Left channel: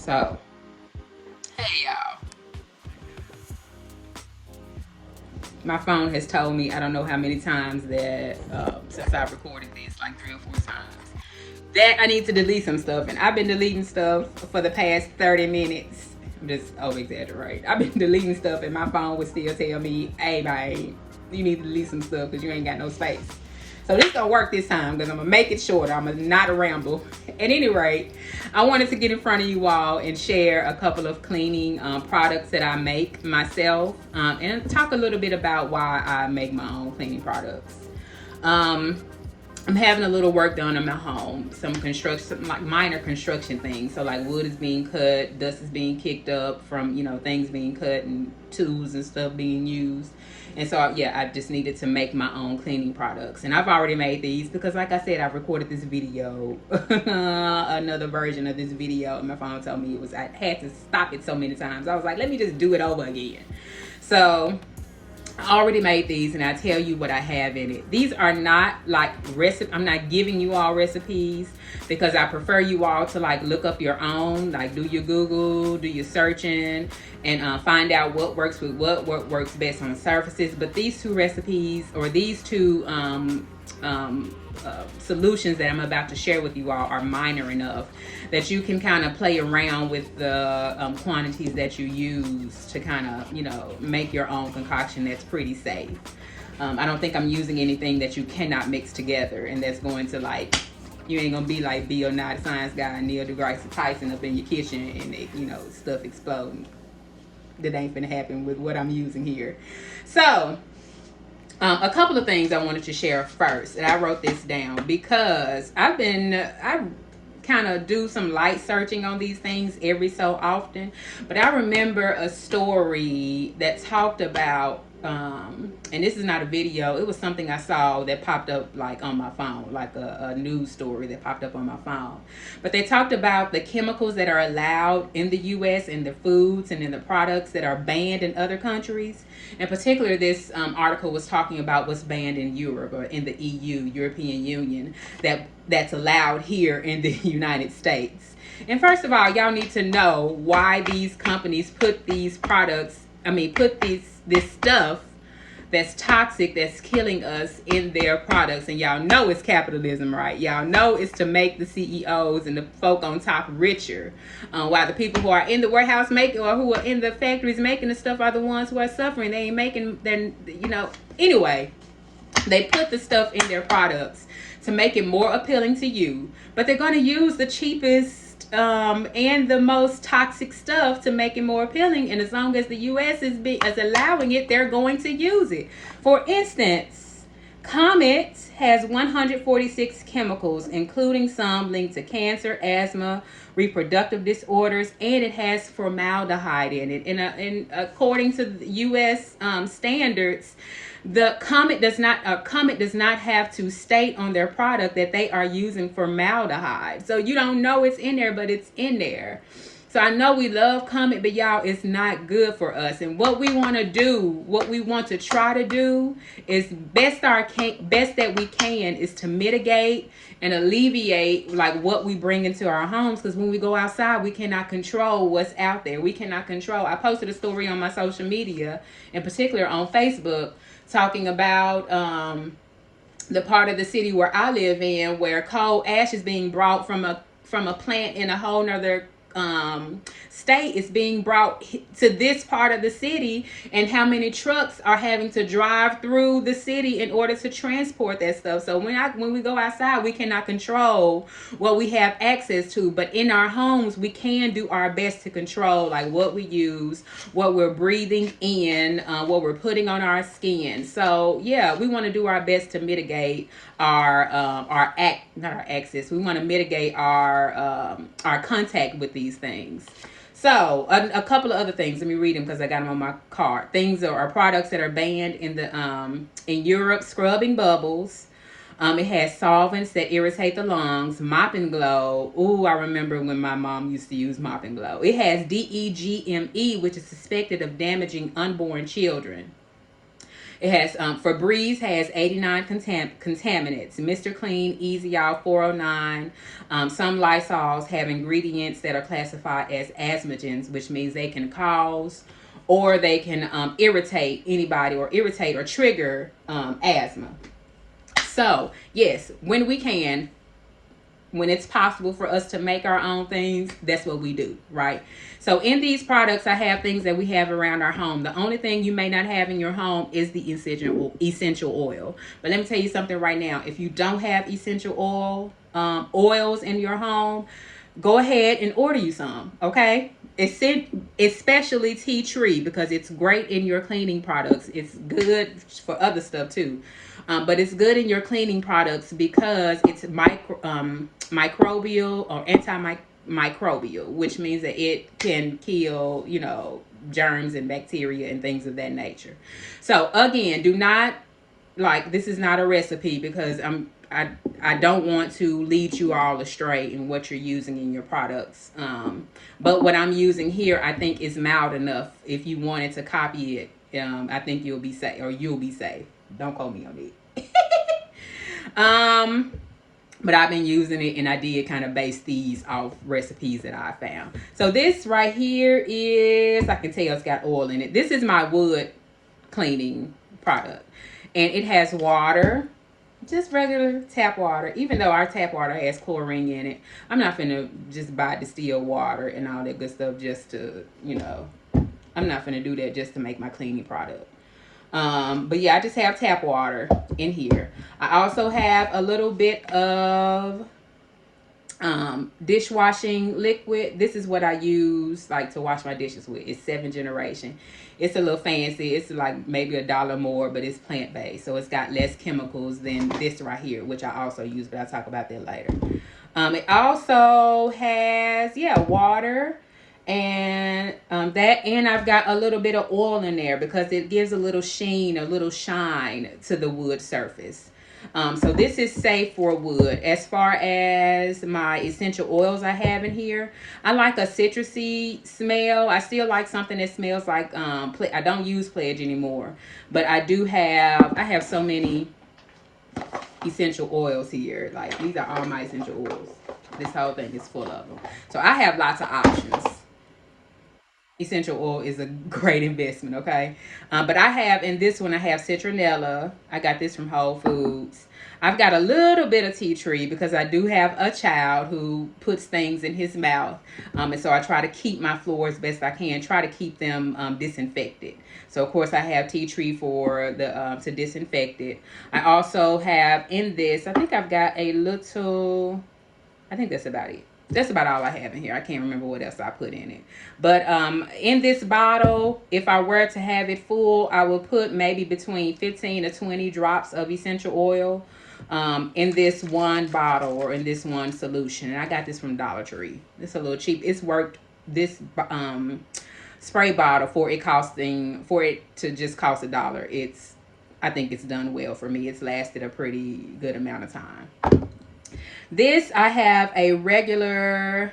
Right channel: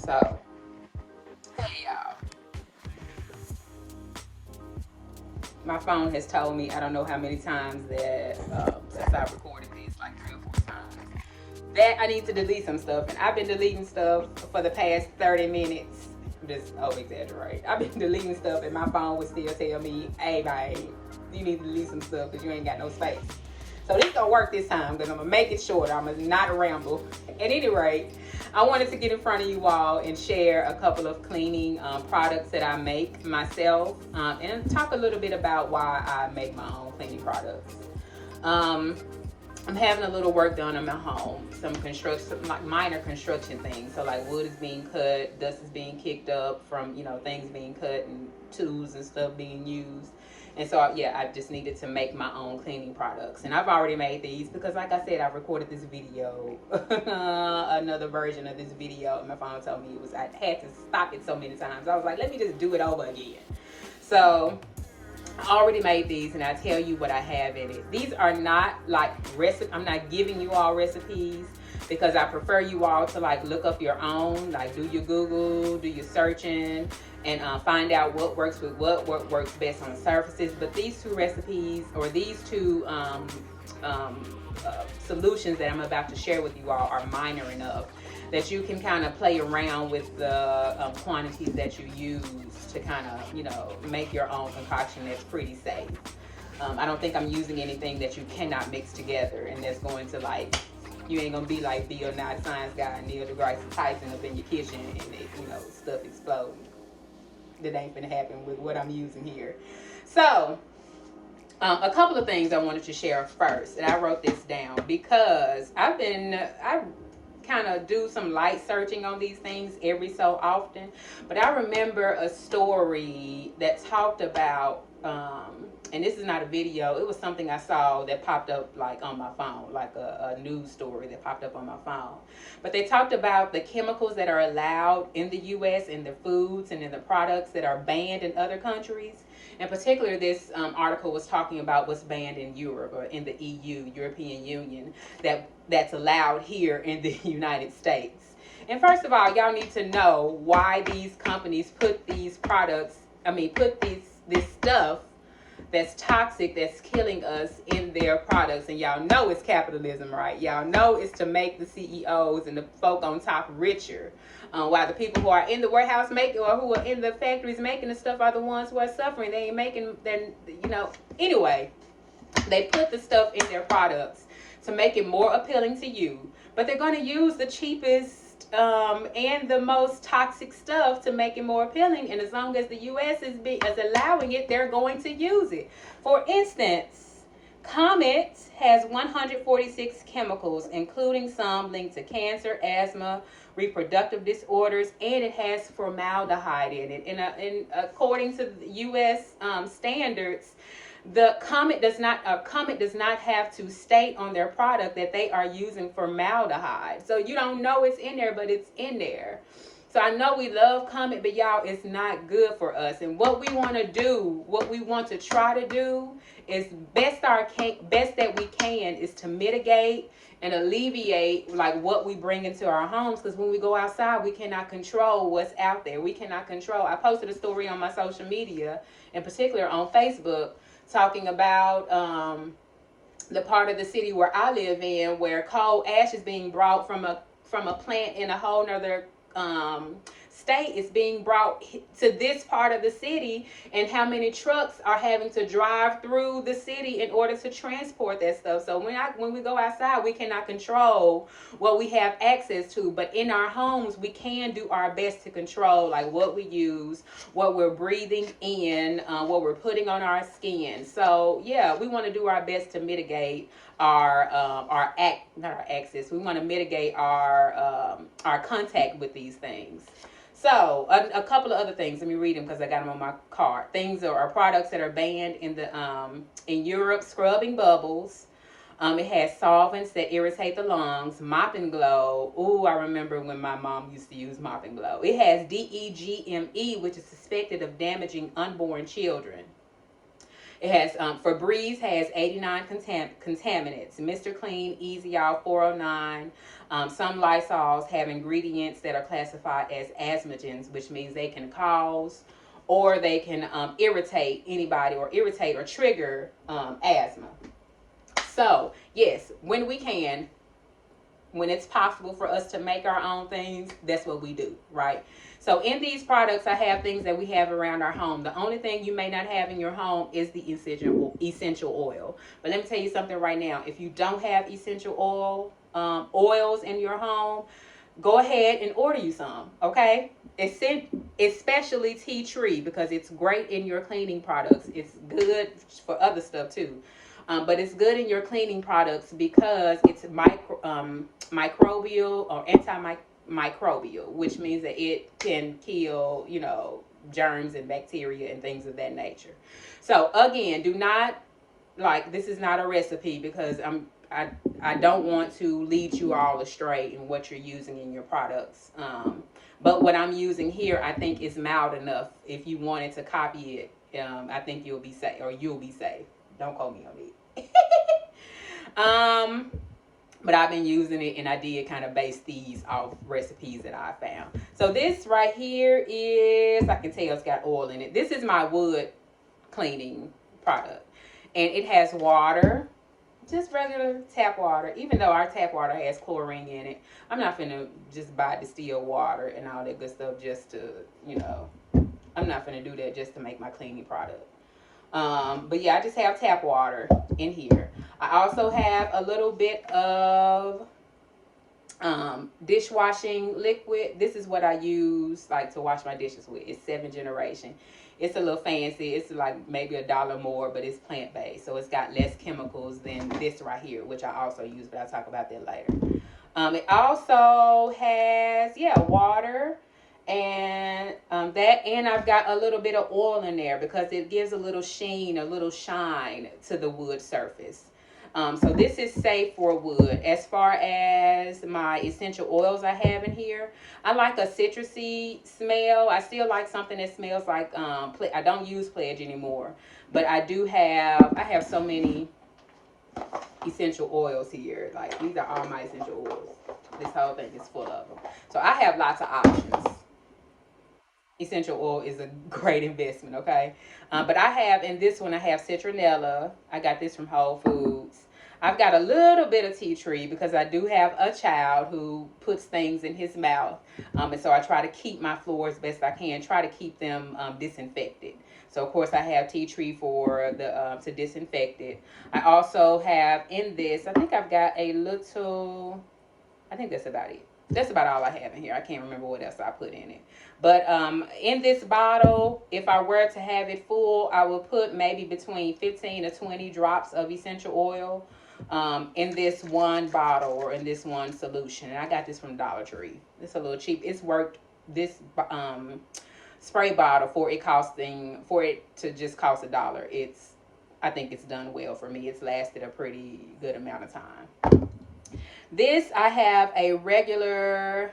So, hey y'all. My phone has told me I don't know how many times that since I recorded this, like 3 or 4 times, that I need to delete some stuff. And I've been deleting stuff for the past 30 minutes. I'm just over exaggerate. I've been deleting stuff and my phone would still tell me, hey, babe, you need to delete some stuff because you ain't got no space. So this gonna work this time because I'm gonna make it shorter. I'm gonna not ramble. At any rate, I wanted to get in front of you all and share a couple of cleaning products that I make myself, and talk a little bit about why I make my own cleaning products. Um, I'm having a little work done in my home, some construction, like minor construction things. So like wood is being cut, dust is being kicked up from things being cut and tools and stuff being used. And so yeah, I just needed to make my own cleaning products, and I've already made these because, like I said, I've recorded this video, another version of this video, and my phone told me I had to stop it so many times. I was like, let me just do it over again. So I already made these and I tell you what I have in it. These are not like I'm not giving you all recipes because I prefer you all to like look up your own, like do your Google, do your searching, and find out what works with what works best on surfaces. But these two recipes, or these two solutions that I'm about to share with you all, are minor enough that you can kind of play around with the quantities that you use to kind of make your own concoction that's pretty safe. I don't think I'm using anything that you cannot mix together and that's going to, like, you ain't gonna be like Bill Nye the Science Guy and Neil deGrasse Tyson up in your kitchen and stuff exploding. That ain't gonna happen with what I'm using here. So a couple of things I wanted to share first, and I wrote this down because I kind of do some light searching on these things every so often. But I remember a story that talked about, and this is not a video, it was something I saw that popped up like on my phone, like a news story that popped up on my phone. But they talked about the chemicals that are allowed in the US and the foods and in the products that are banned in other countries. In particular, this article was talking about what's banned in Europe, or in the EU, European Union, that's allowed here in the United States. And first of all, y'all need to know why these companies put these products, put this stuff that's toxic, that's killing us, in their products. And y'all know it's capitalism, right? Y'all know it's to make the CEOs and the folk on top richer, while the people who are in the warehouse making, or who are in the factories making the stuff, are the ones who are suffering. They ain't making, then anyway, they put the stuff in their products to make it more appealing to you, but they're going to use the cheapest and the most toxic stuff to make it more appealing. And as long as the U.S. is allowing it, they're going to use it. For instance, Comet has 146 chemicals, including some linked to cancer, asthma, reproductive disorders, and it has formaldehyde in it. And according to U.S. Standards, the Comet does not have to state on their product that they are using formaldehyde. So you don't know it's in there, but it's in there. So I know we love Comet, but y'all, it's not good for us. And what we want to try to do is best that we can is to mitigate and alleviate like what we bring into our homes, because when we go outside, we cannot control what's out there. We cannot control. I posted a story on my social media, in particular on Facebook, talking about the part of the city where I live in, where coal ash is being brought from a plant in a whole nother state, is being brought to this part of the city, and how many trucks are having to drive through the city in order to transport that stuff. So when we go outside, we cannot control what we have access to, but in our homes we can do our best to control like what we use, what we're breathing in, what we're putting on our skin. So yeah, we want to do our best to mitigate our access. We want to mitigate our contact with these things. So a couple of other things. Let me read them because I got them on my card. Things are products that are banned in Europe: scrubbing bubbles. It has solvents that irritate the lungs. Mop and Glow. Ooh, I remember when my mom used to use Mop and Glow. It has DEGME, which is suspected of damaging unborn children. It has Febreze has 89 contaminants. Mr. Clean, Easy Out 409. Some Lysols have ingredients that are classified as asthmagens, which means they can cause or they can irritate anybody or irritate or trigger asthma. So, yes, when we can, when it's possible for us to make our own things, that's what we do, right? So in these products, I have things that we have around our home. The only thing you may not have in your home is the essential oil. But let me tell you something right now. If you don't have essential oils in your home, go ahead and order you some, okay? Especially tea tree, because it's great in your cleaning products. It's good for other stuff too. But it's good in your cleaning products because it's microbial or antimicrobial, which means that it can kill, germs and bacteria and things of that nature. So again, do not, like, this is not a recipe because I don't want to lead you all astray in what you're using in your products. But what I'm using here, I think is mild enough. If you wanted to copy it, I think you'll be safe, or you'll be safe. Don't quote me on it. But I've been using it, and I did kind of base these off recipes that I found. So this right here is, I can tell it's got oil in it. This is my wood cleaning product, and it has water, just regular tap water. Even though our tap water has chlorine in it, I'm not finna just buy distilled water and all that good stuff just to, I'm not finna do that just to make my cleaning product. But yeah, I just have tap water in here. I also have a little bit of dishwashing liquid. This is what I use like to wash my dishes with. It's 7th generation. It's a little fancy. It's like maybe $1 more, but it's plant-based. So it's got less chemicals than this right here, which I also use, but I'll talk about that later. It also has, water and and I've got a little bit of oil in there because it gives a little sheen, a little shine to the wood surface. So this is safe for wood. As far as my essential oils I have in here, I like a citrusy smell. I still like something that smells like I don't use Pledge anymore, but I have so many essential oils here. Like, these are all my essential oils. This whole thing is full of them. So I have lots of options. Essential oil is a great investment, okay? But I have, in this one, I have citronella. I got this from Whole Foods. I've got a little bit of tea tree because I do have a child who puts things in his mouth. And so I try to keep my floors best I can, try to keep them disinfected. So, of course, I have tea tree for to disinfect it. I also have in this, I think I've got a little, I think that's about it. That's about all I have in here. I can't remember what else I put in it. But in this bottle, if I were to have it full, I would put maybe between 15 to 20 drops of essential oil in this one bottle or in this one solution. And I got this from Dollar Tree. It's a little cheap. It's worked, this spray bottle, for it to just cost $1. I think it's done well for me. It's lasted a pretty good amount of time. This, I have a regular,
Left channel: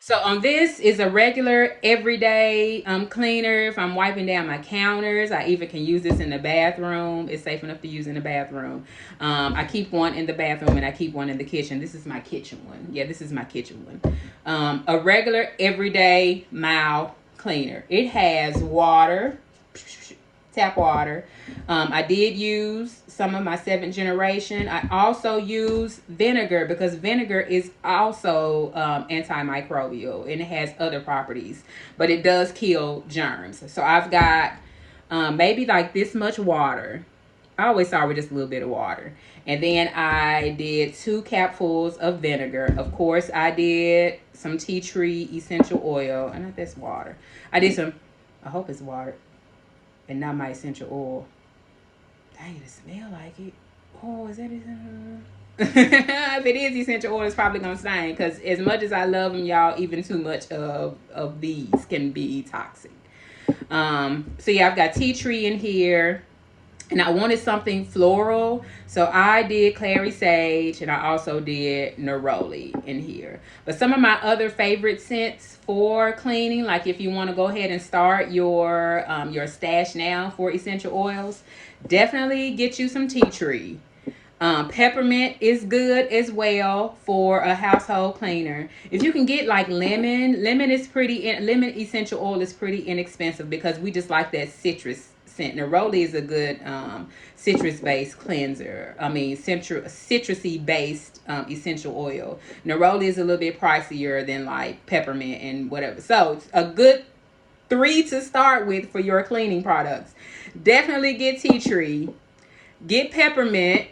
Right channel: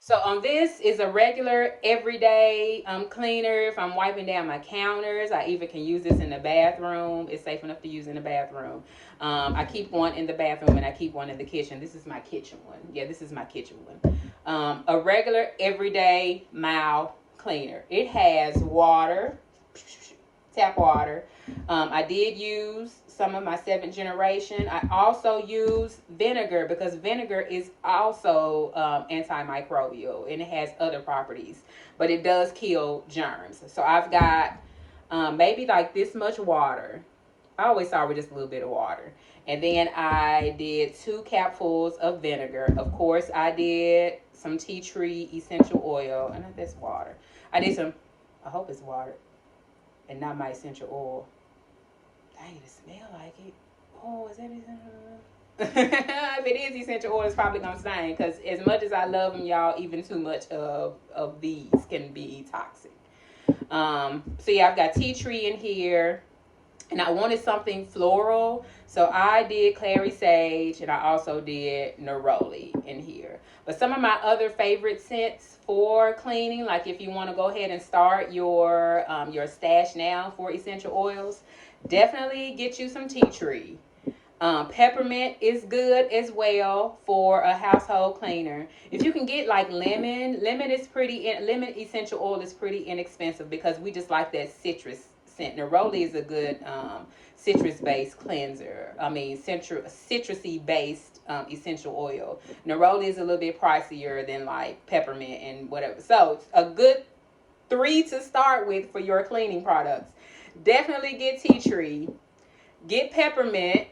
so on this is a regular everyday cleaner. If I'm wiping down my counters, I even can use this in the bathroom. It's safe enough to use in the bathroom. I keep one in the bathroom and I keep one in the kitchen. This is my kitchen one. Yeah, this is my kitchen one. A regular everyday mild cleaner. It has water, tap water. I did use some of my 7th generation. I also use vinegar because vinegar is also antimicrobial and it has other properties, but it does kill germs. So I've got maybe like this much water. I always start with just a little bit of water. And then I did 2 capfuls of vinegar. Of course, I did some tea tree essential oil. And that's water. I did some, I hope it's water and not my essential oil. Dang, it smell like it. Oh, is that essential? If it is essential oil, it's probably gonna stain. Because as much as I love them, y'all, even too much of these can be toxic. So yeah, I've got tea tree in here. and I wanted something floral, so I did clary sage, and I also did neroli in here. But some of my other favorite scents for cleaning, like if you want to go ahead and start your stash now for essential oils, definitely get you some tea tree. Peppermint is good as well for a household cleaner. If you can get like lemon essential oil is pretty inexpensive because we just like that citrus scent. Neroli is a good citrus based cleanser. I mean, citrusy based essential oil. Neroli is a little bit pricier than like peppermint and whatever. So it's a good three to start with for your cleaning products. Definitely get tea tree, get peppermint,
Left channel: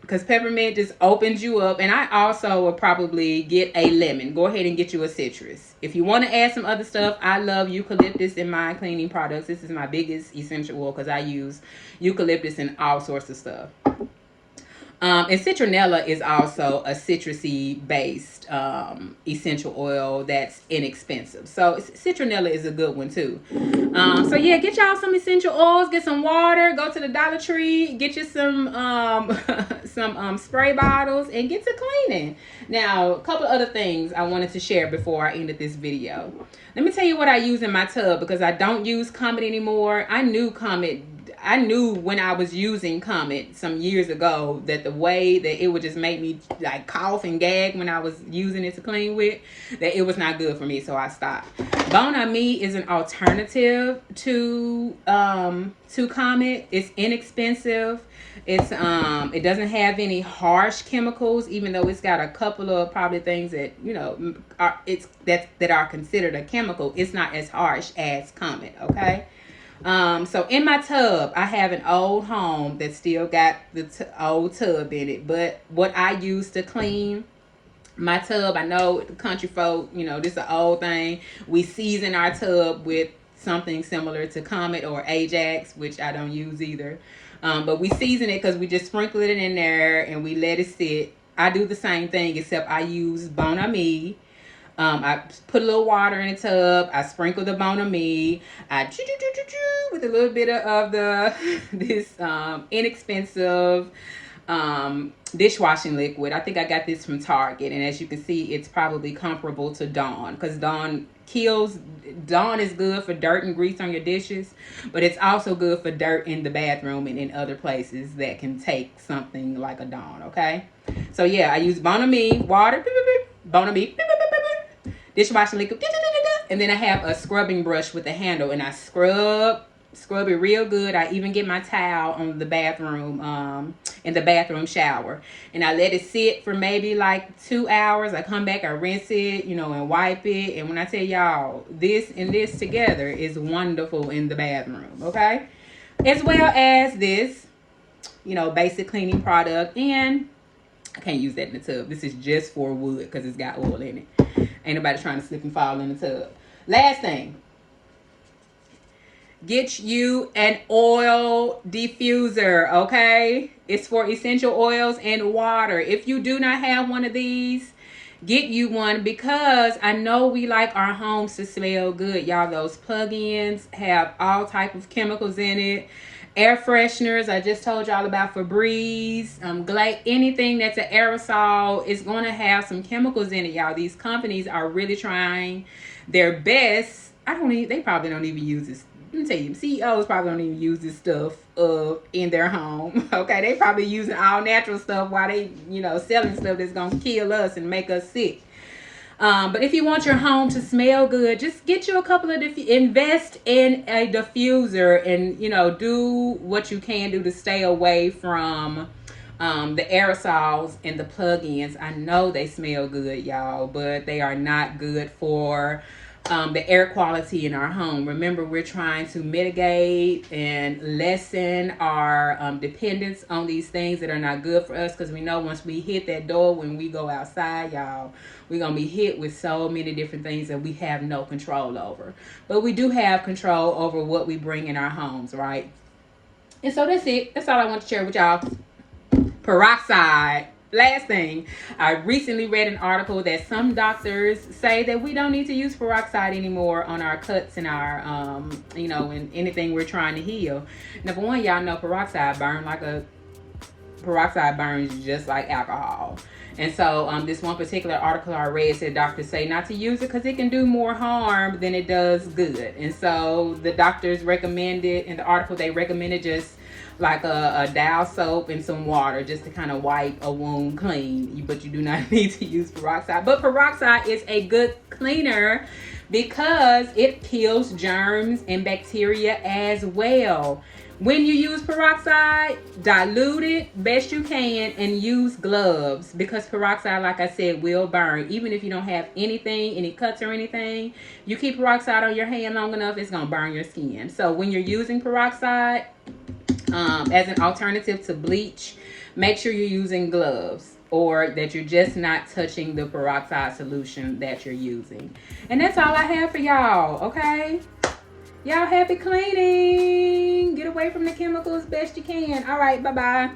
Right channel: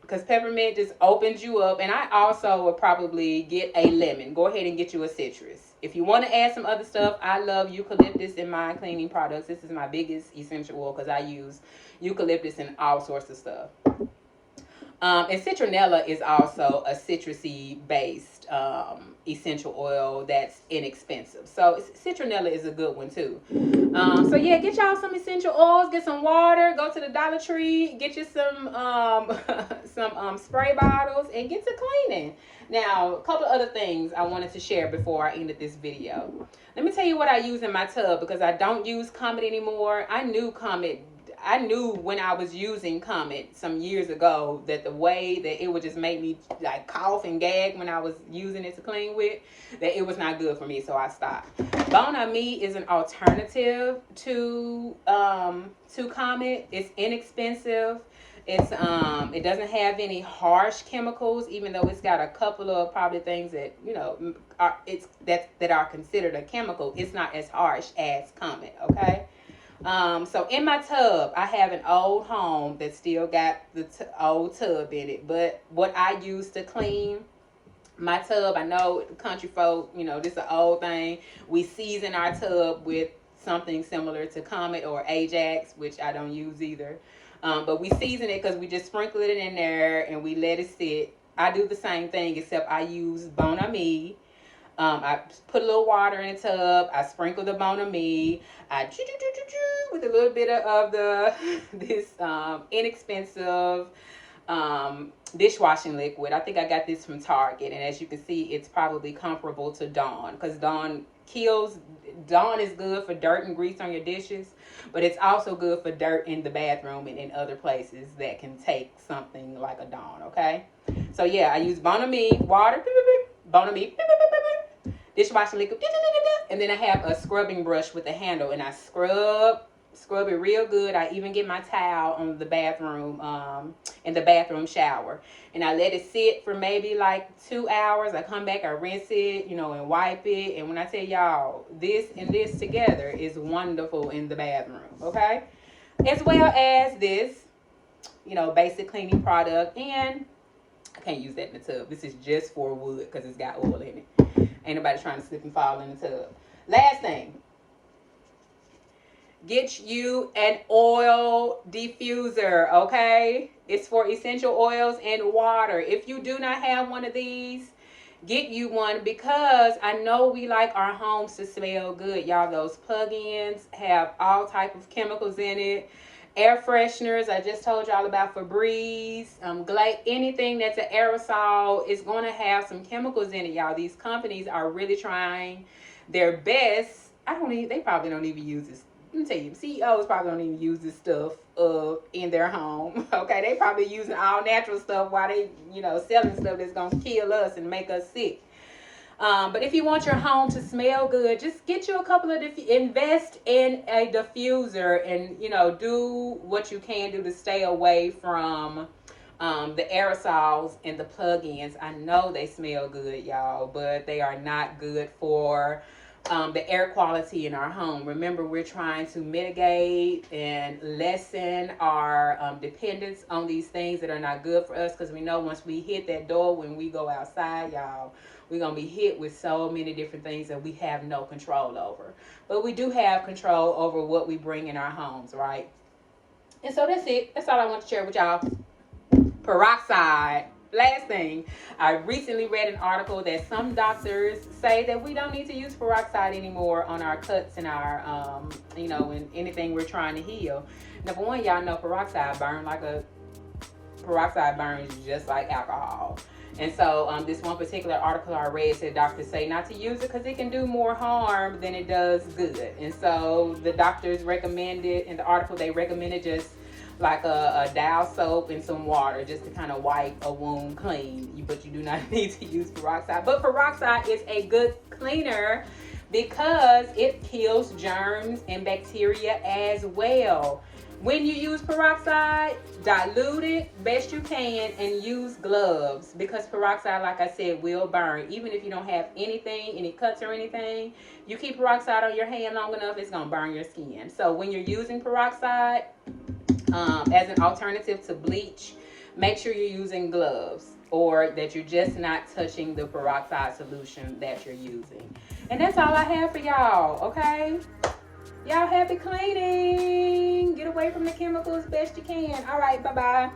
because peppermint just opens you up. And I also will probably get a lemon. Go ahead and get you a citrus. If you want to add some other stuff, I love eucalyptus in my cleaning products. This is my biggest essential oil because I use eucalyptus in all sorts of stuff. And citronella is also a citrusy based essential oil that's inexpensive. So citronella is a good one too. So yeah, get y'all some essential oils, get some water, go to the Dollar Tree, get you some some spray bottles, and get to cleaning. Now, a couple other things I wanted to share before I ended this video. Let me tell you what I use in my tub because I don't use Comet anymore. I knew when I was using Comet some years ago that the way that it would just make me like cough and gag when I was using it to clean with, that it was not good for me, so I stopped. Bon Ami is an alternative to Comet. It's inexpensive. It doesn't have any harsh chemicals, even though it's got a couple of probably things that that are considered a chemical. It's not as harsh as Comet. Okay. So in my tub, I have an old home that still got the old tub in it. But what I use to clean my tub, I know the country folk, this is an old thing. We season our tub with something similar to Comet or Ajax, which I don't use either. But we season it because we just sprinkle it in there and we let it sit. I do the same thing, except I use Bon Ami. I put a little water in the tub. I sprinkle the Bon Ami. I with a little bit of this inexpensive dishwashing liquid. I think I got this from Target, and as you can see, it's probably comparable to Dawn because Dawn is good for dirt and grease on your dishes, but it's also good for dirt in the bathroom and in other places that can take something like a Dawn. Okay, so yeah, I use Bon Ami water, Bon Ami, dishwashing liquid, and then I have a scrubbing brush with a handle, and I scrub it real good. I even get my towel on the bathroom, in the bathroom shower, and I let it sit for maybe like 2 hours. I come back, I rinse it, and wipe it. And when I tell y'all, this and this together is wonderful in the bathroom, okay? As well as this, basic cleaning product. And I can't use that in the tub. This is just for wood because it's got oil in it. Ain't nobody trying to slip and fall in the tub. Last thing. Get you an oil diffuser, okay? It's for essential oils and water. If you do not have one of these, get you one because I know we like our homes to smell good. Y'all, those plug-ins have all type of chemicals in it. Air fresheners, I just told y'all about Febreze, anything that's an aerosol is going to have some chemicals in it, y'all. These companies are really trying their best. They probably don't even use this. Let me tell you, CEOs probably don't even use this stuff in their home. Okay, they probably using all natural stuff while they, selling stuff that's going to kill us and make us sick. But if you want your home to smell good, just get you a couple of invest in a diffuser and, do what you can do to stay away from the aerosols and the plug-ins. I know they smell good, y'all, but they are not good for the air quality in our home. Remember, we're trying to mitigate and lessen our dependence on these things that are not good for us, because we know once we hit that door when we go outside, y'all, we're going to be hit with so many different things that we have no control over. But we do have control over what we bring in our homes, right? And so that's it. That's all I want to share with y'all. Peroxide. Last thing, I recently read an article that some doctors say that we don't need to use peroxide anymore on our cuts and our, and anything we're trying to heal. Number one, y'all know peroxide burns just like alcohol. And so this one particular article I read said doctors say not to use it because it can do more harm than it does good. And so the doctors recommended, in the article they recommended just like a dial soap and some water just to kind of wipe a wound clean. But you do not need to use peroxide. But peroxide is a good cleaner because it kills germs and bacteria as well. When you use peroxide, dilute it best you can and use gloves, because peroxide, like I said, will burn. Even if you don't have anything, any cuts or anything, you keep peroxide on your hand long enough, it's going to burn your skin. So when you're using peroxide as an alternative to bleach, make sure you're using gloves, or that you're just not touching the peroxide solution that you're using. And that's all I have for y'all, okay? Y'all happy cleaning. Get away from the chemicals best you can. All right, bye-bye.